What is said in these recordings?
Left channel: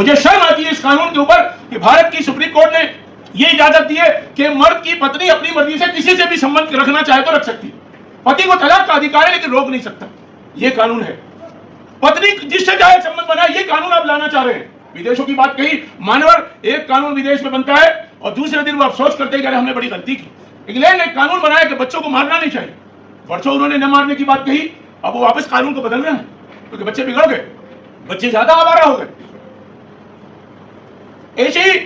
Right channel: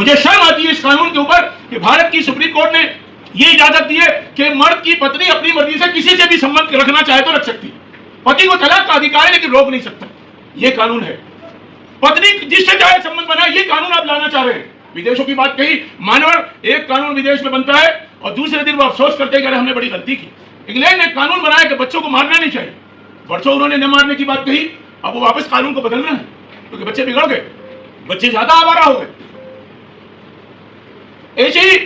मुझे शर्म आती है इस कानून के ऊपर कि भारत की सुप्रीम कोर्ट ने ये इजाजत दी है कि मर्द की पत्नी अपनी मर्जी से किसी से भी संबंध रखना चाहे तो रख सकती है। पति को तलाक का अधिकार है लेकिन रोक नहीं सकता, ये कानून है। पत्नी जिससे चाहे संबंध बनाए, ये कानून आप लाना चाह रहे हैं। विदेशों की बात कही, मानवर एक कानून विदेश में बनता है और दूसरे दिन वो अफसोस करते हैं कि हमने बड़ी गलती की। इंग्लैंड ने कानून बनाया कि बच्चों को मारना नहीं चाहिए, बच्चों उन्होंने न मारने की बात कही, अब वो वापस कानून को बदल रहे हैं क्योंकि बच्चे बिगड़ गए, बच्चे ज्यादा आवारा हो गए। ऐसे ही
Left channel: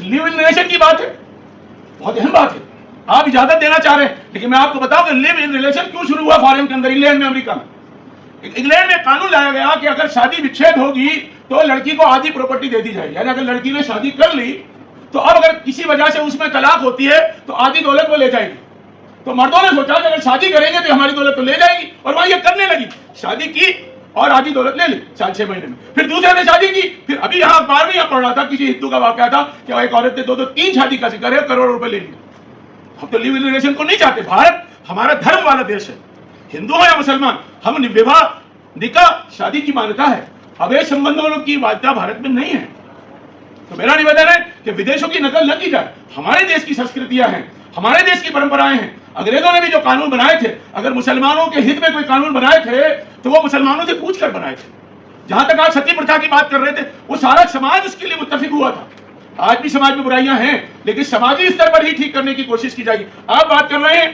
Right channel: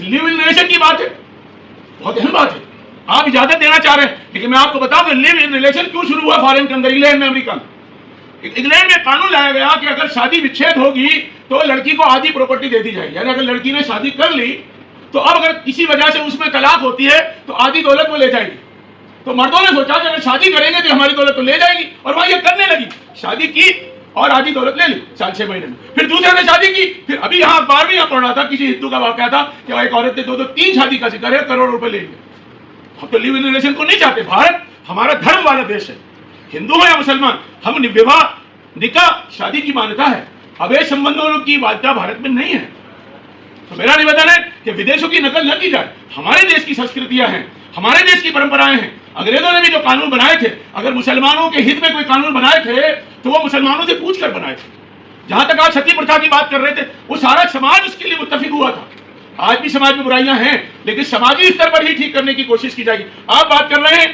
लिव इन रिलेशन की बात है, बहुत अहम बात है, आप इजाजत देना चाह रहे हैं, लेकिन मैं आपको बताऊं कि लिव इन रिलेशन क्यों शुरू हुआ फॉरेन के अंदर, इंग्लैंड में, अमेरिका में। इंग्लैंड में कानून लाया गया कि अगर शादी विच्छेद होगी तो लड़की को आधी प्रॉपर्टी दे दी जाएगी। यानी अगर लड़की ने शादी कर ली तो अब अगर किसी वजह से उसमें तलाक होती है तो आधी दौलत वो ले जाएगी। तो मर्दों ने सोचा कि अगर शादी करेंगे तो हमारी दौलत तो ले जाएगी, और वह ये करने लगी, शादी की और आधी दौलत ले ली 4-6 महीने में। फिर दूसरे ने शादी की, फिर अभी यहाँ अखबार में पढ़ रहा था, किसी हिंदू का वाकया था कि एक औरत ने 2-3 शादी का जिक्र है, करोड़ रुपए ले लिया। हम तो लिव इन रिलेशन को नहीं चाहते। भारत हमारा धर्म वाला देश है, हिंदू हो या मुसलमान, हम विवाह निकाह शादी की मान्यता है, अवैध संबंधों की मान्यता भारत में नहीं है। तो मेरा निवेदन है कि विदेशों की नकल न की जाए। हमारे देश की संस्कृतियां हैं, हमारे देश की परंपराएं हैं। अंग्रेजों ने भी जो कानून बनाए थे, अगर मुसलमानों के हित में कोई कानून बनाए थे तो वो मुसलमानों से पूछकर बनाए थे। जहां तक आप सती प्रथा की बात कर रहे थे, वो सारा समाज उसके लिए मुत्तफिक हुआ था। आज भी समाज में बुराइयां हैं, लेकिन समाजी स्तर पर ही ठीक करने की कोशिश की जाएगी। आप बात कर रहे हैं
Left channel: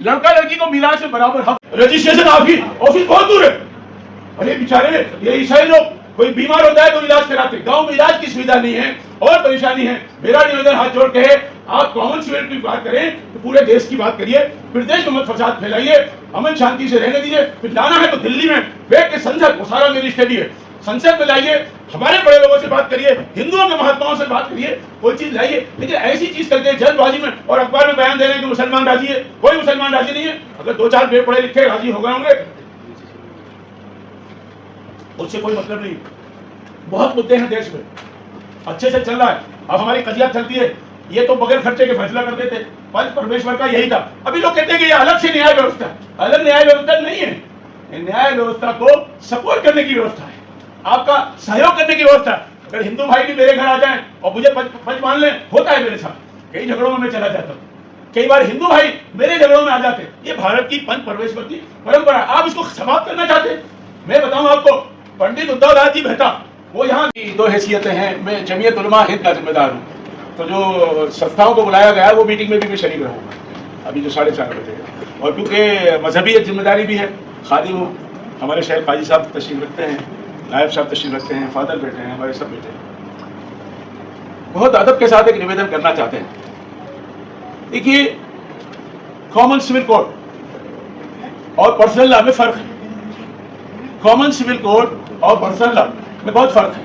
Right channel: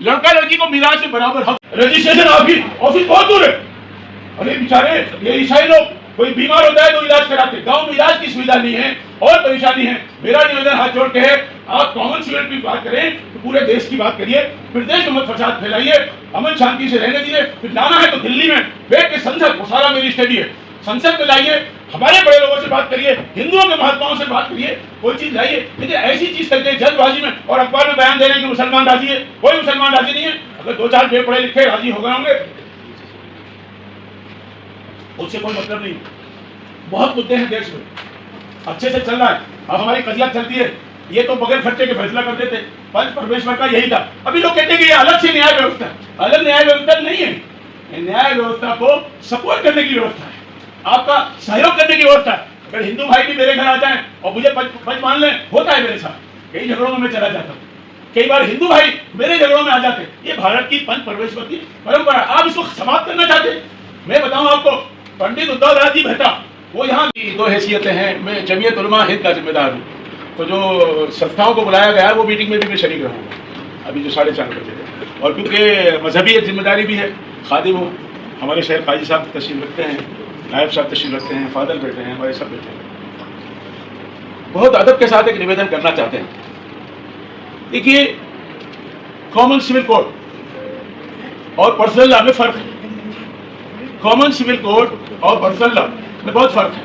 लड़का लड़की को मिराज में बराबर हक, रजिस्ट्रेशन ऑफिस बहुत दूर है। अरे बेचारे ये ईसाई लोग, कोई बीमार होता है तो इलाज कराते, गांव में इलाज की सुविधा नहीं है और परेशानी है। मेरा निवेदन हाथ जोड़ के है, आप कॉमन सिविल की बात करें तो पूरे देश की बात करिए, फिर देश में मत फसाद फैलाइए, अमन शांति से रहने दीजिए। फिर जाना है तो दिल्ली में बैठ के संसद, वो सारा मेरी स्टडी है, संसद में लाइए, हमारे बड़े लोगों से बात करिए, हिंदुओं के महात्माओं से बात करिए, कोई चीज लाइए। लेकिन ऐसी चीज करते हैं जल्दबाजी में और अखबार में बयान दे रहे हैं कि मुसलमान राजी है। कोई मुसलमान राजी नहीं है। अगर 2-4 पेड़ पढ़े लिखे राजी हो गए होंगे उससे कोई मतलब नहीं। बहुत मुद्दे हैं देश में, अच्छे से चल रहा है। अब हमारी कजिया चलती है, ये तो बगैर खर्चे के फैसला करते थे, पंच परमेश्वर का यही था। अभी लोग कहते हैं कि ये अलग से न्याय व्यवस्था, अलग न्याय व्यवस्था नहीं है। न्याय व्यवस्था को सपोर्ट करने की व्यवस्था है, आपका सहयोग करने की व्यवस्था है। अगर हिंदू भाई भी मेरे घर आ जाए और मुझे पंच मान लें, होता है मेरे साथ, कई झगड़ों में मैं चला जाता हूँ, कई बार हिंदू भाई मेरे झगड़ों में आ जाते हैं। ये भारत की पंच परमेश्वर की परंपरा, आप इसको समाप्त करना चाहते। मैं बताऊं आपको, पंडित उद्धव दास जी मेहता, वो यहाँ की 2 हैसियतें हैं। मैं जमीयत उलमा हिंद का जिम्मेदार हूँ, तो जो संस्थाओं को बुलाया गया है वो मीटिंग में भी मैं शरीक रहूँगा अभी जो 4:30 बजे। और क्योंकि मजहबी एक जिम्मेदारी भी है, खादिम हूँ, हमारे शहर काजी साहब तशरीफ रखते हैं, नायब साहब तशरीफ रखते हैं, फादर बैठे हैं, हमारे सब बैठे हैं। बहुत अदब के साथ एक निवेदन करना चाहते हैं। देखिए, कॉमन सिविल कोड और पर्सनल लॉ में फर्क है। कॉमन सिविल कोड और पर्सनल लॉ में बहुत फर्क है।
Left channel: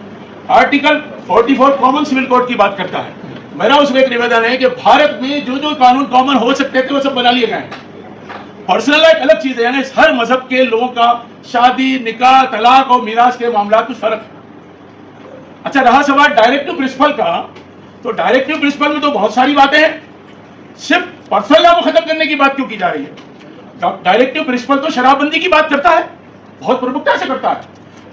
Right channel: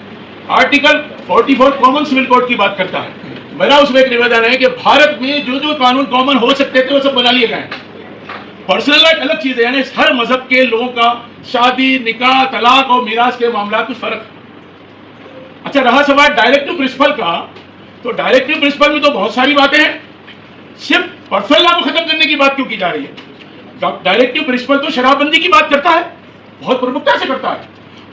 आर्टिकल 44 कॉमन सिविल कोड की बात करता है। मेरा उसमें एक निवेदन है कि भारत में जो जो कानून कॉमन हो सकते थे वो सब बना लिए गए हैं। पर्सनल लॉ एक अलग चीज है, यानी हर मजहब के लोगों का शादी, निकाह, तलाक और मीरास के मामला में फर्क है। अच्छा, रहा सवाल डायरेक्टिव प्रिंसिपल का, तो डायरेक्टिव प्रिंसिपल में तो बहुत सारी बातें हैं, सिर्फ पर्सनल लॉ को खत्म करने की बात क्यों की जा रही है? डायरेक्टिव प्रिंसिपल तो शराबबंदी की बात करता है, बहुत प्रमुखता से करता है,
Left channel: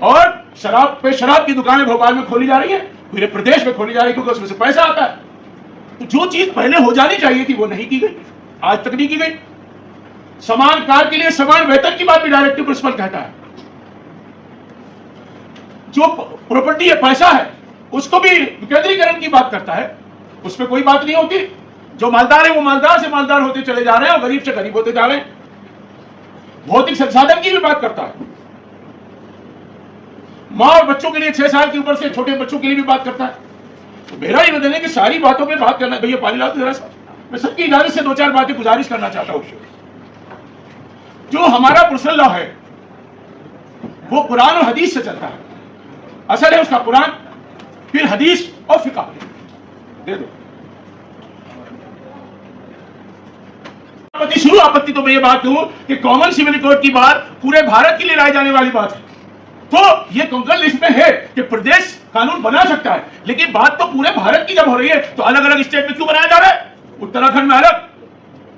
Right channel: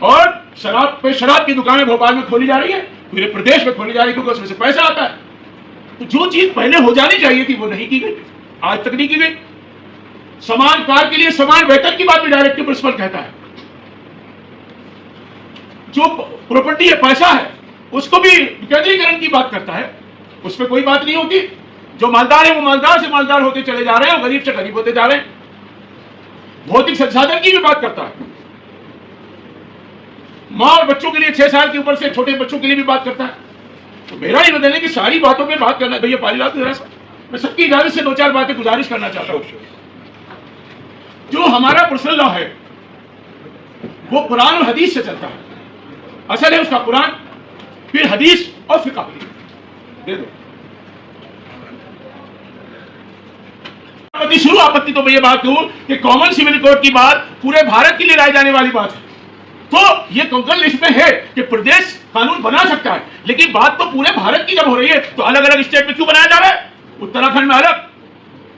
और शराब की दुकानें भोपाल में खोली जा रही है, पूरे प्रदेश में खोली जा रही है, क्योंकि उसमें से पैसा आता है। तो जो चीज पहले हो जानी चाहिए थी वो नहीं की गई, आज तक नहीं की गई। समान कार्य के लिए समान वेतन की बात भी डायरेक्टिव प्रिंसिपल कहता है। जो प्रॉपर्टी है, पैसा है, उसको भी विकेंद्रीकरण की बात करता है, उसमें कोई बात नहीं होती। जो मालदार है वो मालदार से मालदार होते चले जा रहे हैं और गरीब से गरीब होते जा रहे हैं। भौतिक संसाधन की भी बात करता है, माँ और बच्चों के लिए 6 साल के ऊपर से छोटे बच्चों के लिए भी बात करता है। तो मेरा ये निवेदन है कि सारी बातों पे बात करना। भैया पानी लाओ तो जरा सा, मैं सबकी इजाजत से 2-4 बातें गुजारिश करना चाहता हूँ। जो हमारा पर्सनल लॉ है वो कुरान और हदीस से चलता है। असल है उसका कुरान, फिर हदीस और फिक़ह। दे दो शुरू आपत्ति तो मैं ये बात कहूं कि कॉमन सिविल कोड की बात पूरे भारत के लिए लाई जाने वाली बात है। तो ये कंकड़ लिस्ट में है कि प्रदेश कानून बना सकता है, लेकिन बात तो पूरे भारत की जब हो रही है तो अलग अलग स्टेट में क्यों बनाया जा रहा है? उत्तराखंड में अलग,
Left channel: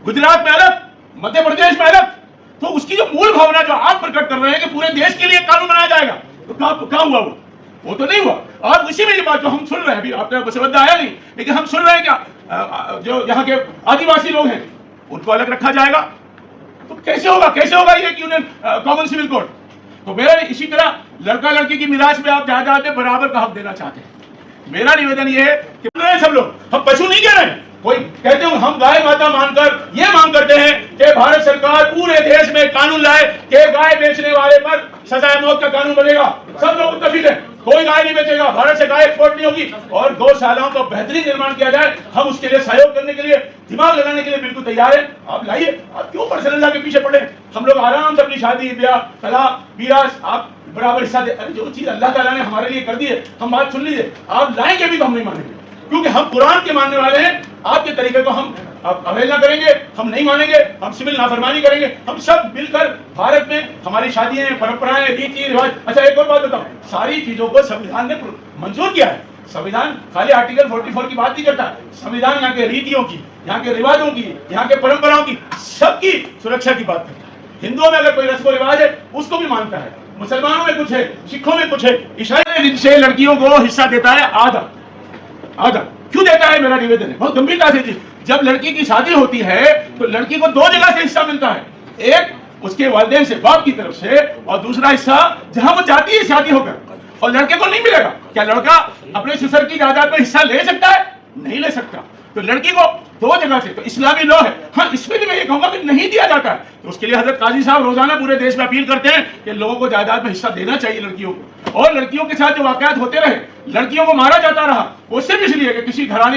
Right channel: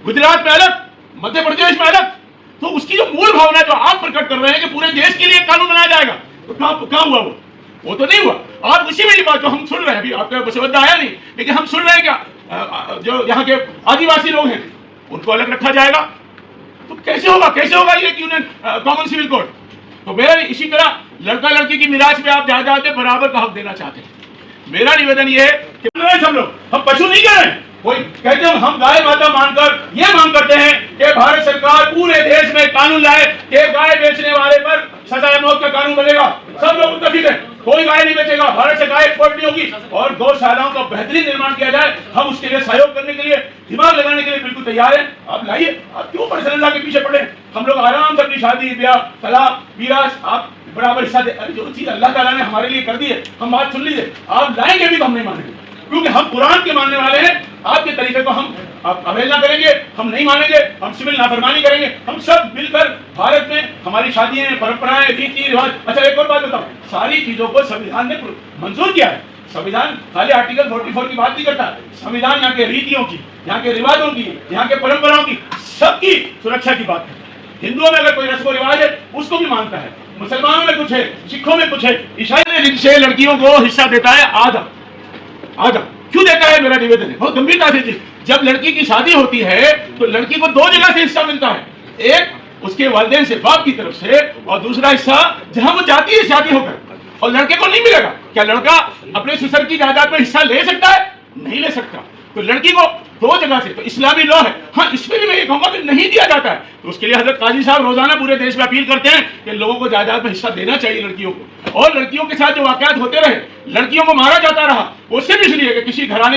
गुजरात में अलग, मध्य प्रदेश में अलग। तो उसकी जो मूल भावना जो आप प्रकट कर रहे हैं कि पूरे देश के लिए कानून बनाया जाएगा, तो कहां हुआ वो? वो तो नहीं हुआ। और उसी में ये बात जो हम सुन रहे हैं, अभी आपका मुसवदा आया नहीं, लेकिन हम सुन रहे हैं क्या, जो यहाँ के आदिवासी लोग हैं उनको अलग रखा जाएगा। तो कैसे होगा ये कि उन्हें कॉमन सिविल कोड। तो मेरा इसी तरह लड़का लड़की की मिराज में आप जायदाद में बराबर का हक देना चाहते हैं। मेरा निवेदन ये है कि सब लोग, हम पशु नहीं कह रहे हैं, कोई कहते हैं हम गाय माता मानकर ये मांग करते हैं कि भारत सरकार पूरे देश में कानून लाए कि गाय बेचने वाले पर सजाए मौत का कानून बनेगा। सब लोग मुत्तफिक हैं, कोई गाय नहीं बेचेगा, भारत से गाय एक्सपोर्ट नहीं होगी, और गौशालाओं का बेहतरीन निर्माण किया जाए। हम उसके लिए सहयोग करने के लिए, दिमाग लगाने के लिए बिल्कुल तैयार हैं। आप लाइए, आप क्यों पर्सनल के पीछे पड़े। हम लोग आराम से अपनी शादी ब्याह तलाक विरासत आप बराबर हिस्सा दे। अरे जो चीज अल्लाह ताला ने हमारे लिए कर दी है, हम बात सुन लीजिए, आप लाएंगे भी तो हम नहीं मानेंगे, क्योंकि हम कुरान के मानने वाले हैं। आपके तरीके को हम अवहेलना करेंगे, हम नहीं मानेंगे, हम सिविल नाफरमानी करेंगे। हम सब मिलकर भारत में हमारी शादियां, परंपराएं, रीति रिवाज। अच्छा एक और बात बताओ, सारी चीजों को संविधान ने मंजूर किया है। संविधान खाली आर्टिकल 44 की बात नहीं करता। संविधान यहाँ के रीतियों की, यहाँ के रिवाजों की, यहाँ के परंपराओं की, सबकी सुरक्षा की बात है। हिंदुओं में अगर कोई रस्म रिवाज है उसको भी मानता है, मुसलमानों में कुछ है, सिखों में कुछ है, ईसाई से लड़कियों को हिस्सा देता है आधा। क्यों देता है, मेरा निवेदन है बहुत गंभीरता से। जब लड़की की शादी होती है तो लड़की को 2 जगह से हिस्सा मिलता है, एक उसके वालिदैन से, बाप की तरफ से, और दूसरा हिस्सा जहां वो जाती है शादी होकर, और लड़के को नहीं मिलेगा। क्या लड़का अपने ससुर की जायदाद में हिस्सा ले सकता है? नहीं ले सकता। तो लड़की को 2 जगह से, तो इस्लामी लॉ है, हाँ इसमें भी मैं ये कहूंगा कि नहीं दिया जाता है। तो उसके लिए हजरत काजी साहब रोजाना पूरे देश में अपील करते हैं कि लोगों को जायदाद में हिस्सा देना चाहिए लड़कियों को। और लड़कियों के साथ जो वाकयात होते रहे, लड़कियों को मारा जाता रहा, वो सिर्फ इसलिए कि किसी घराने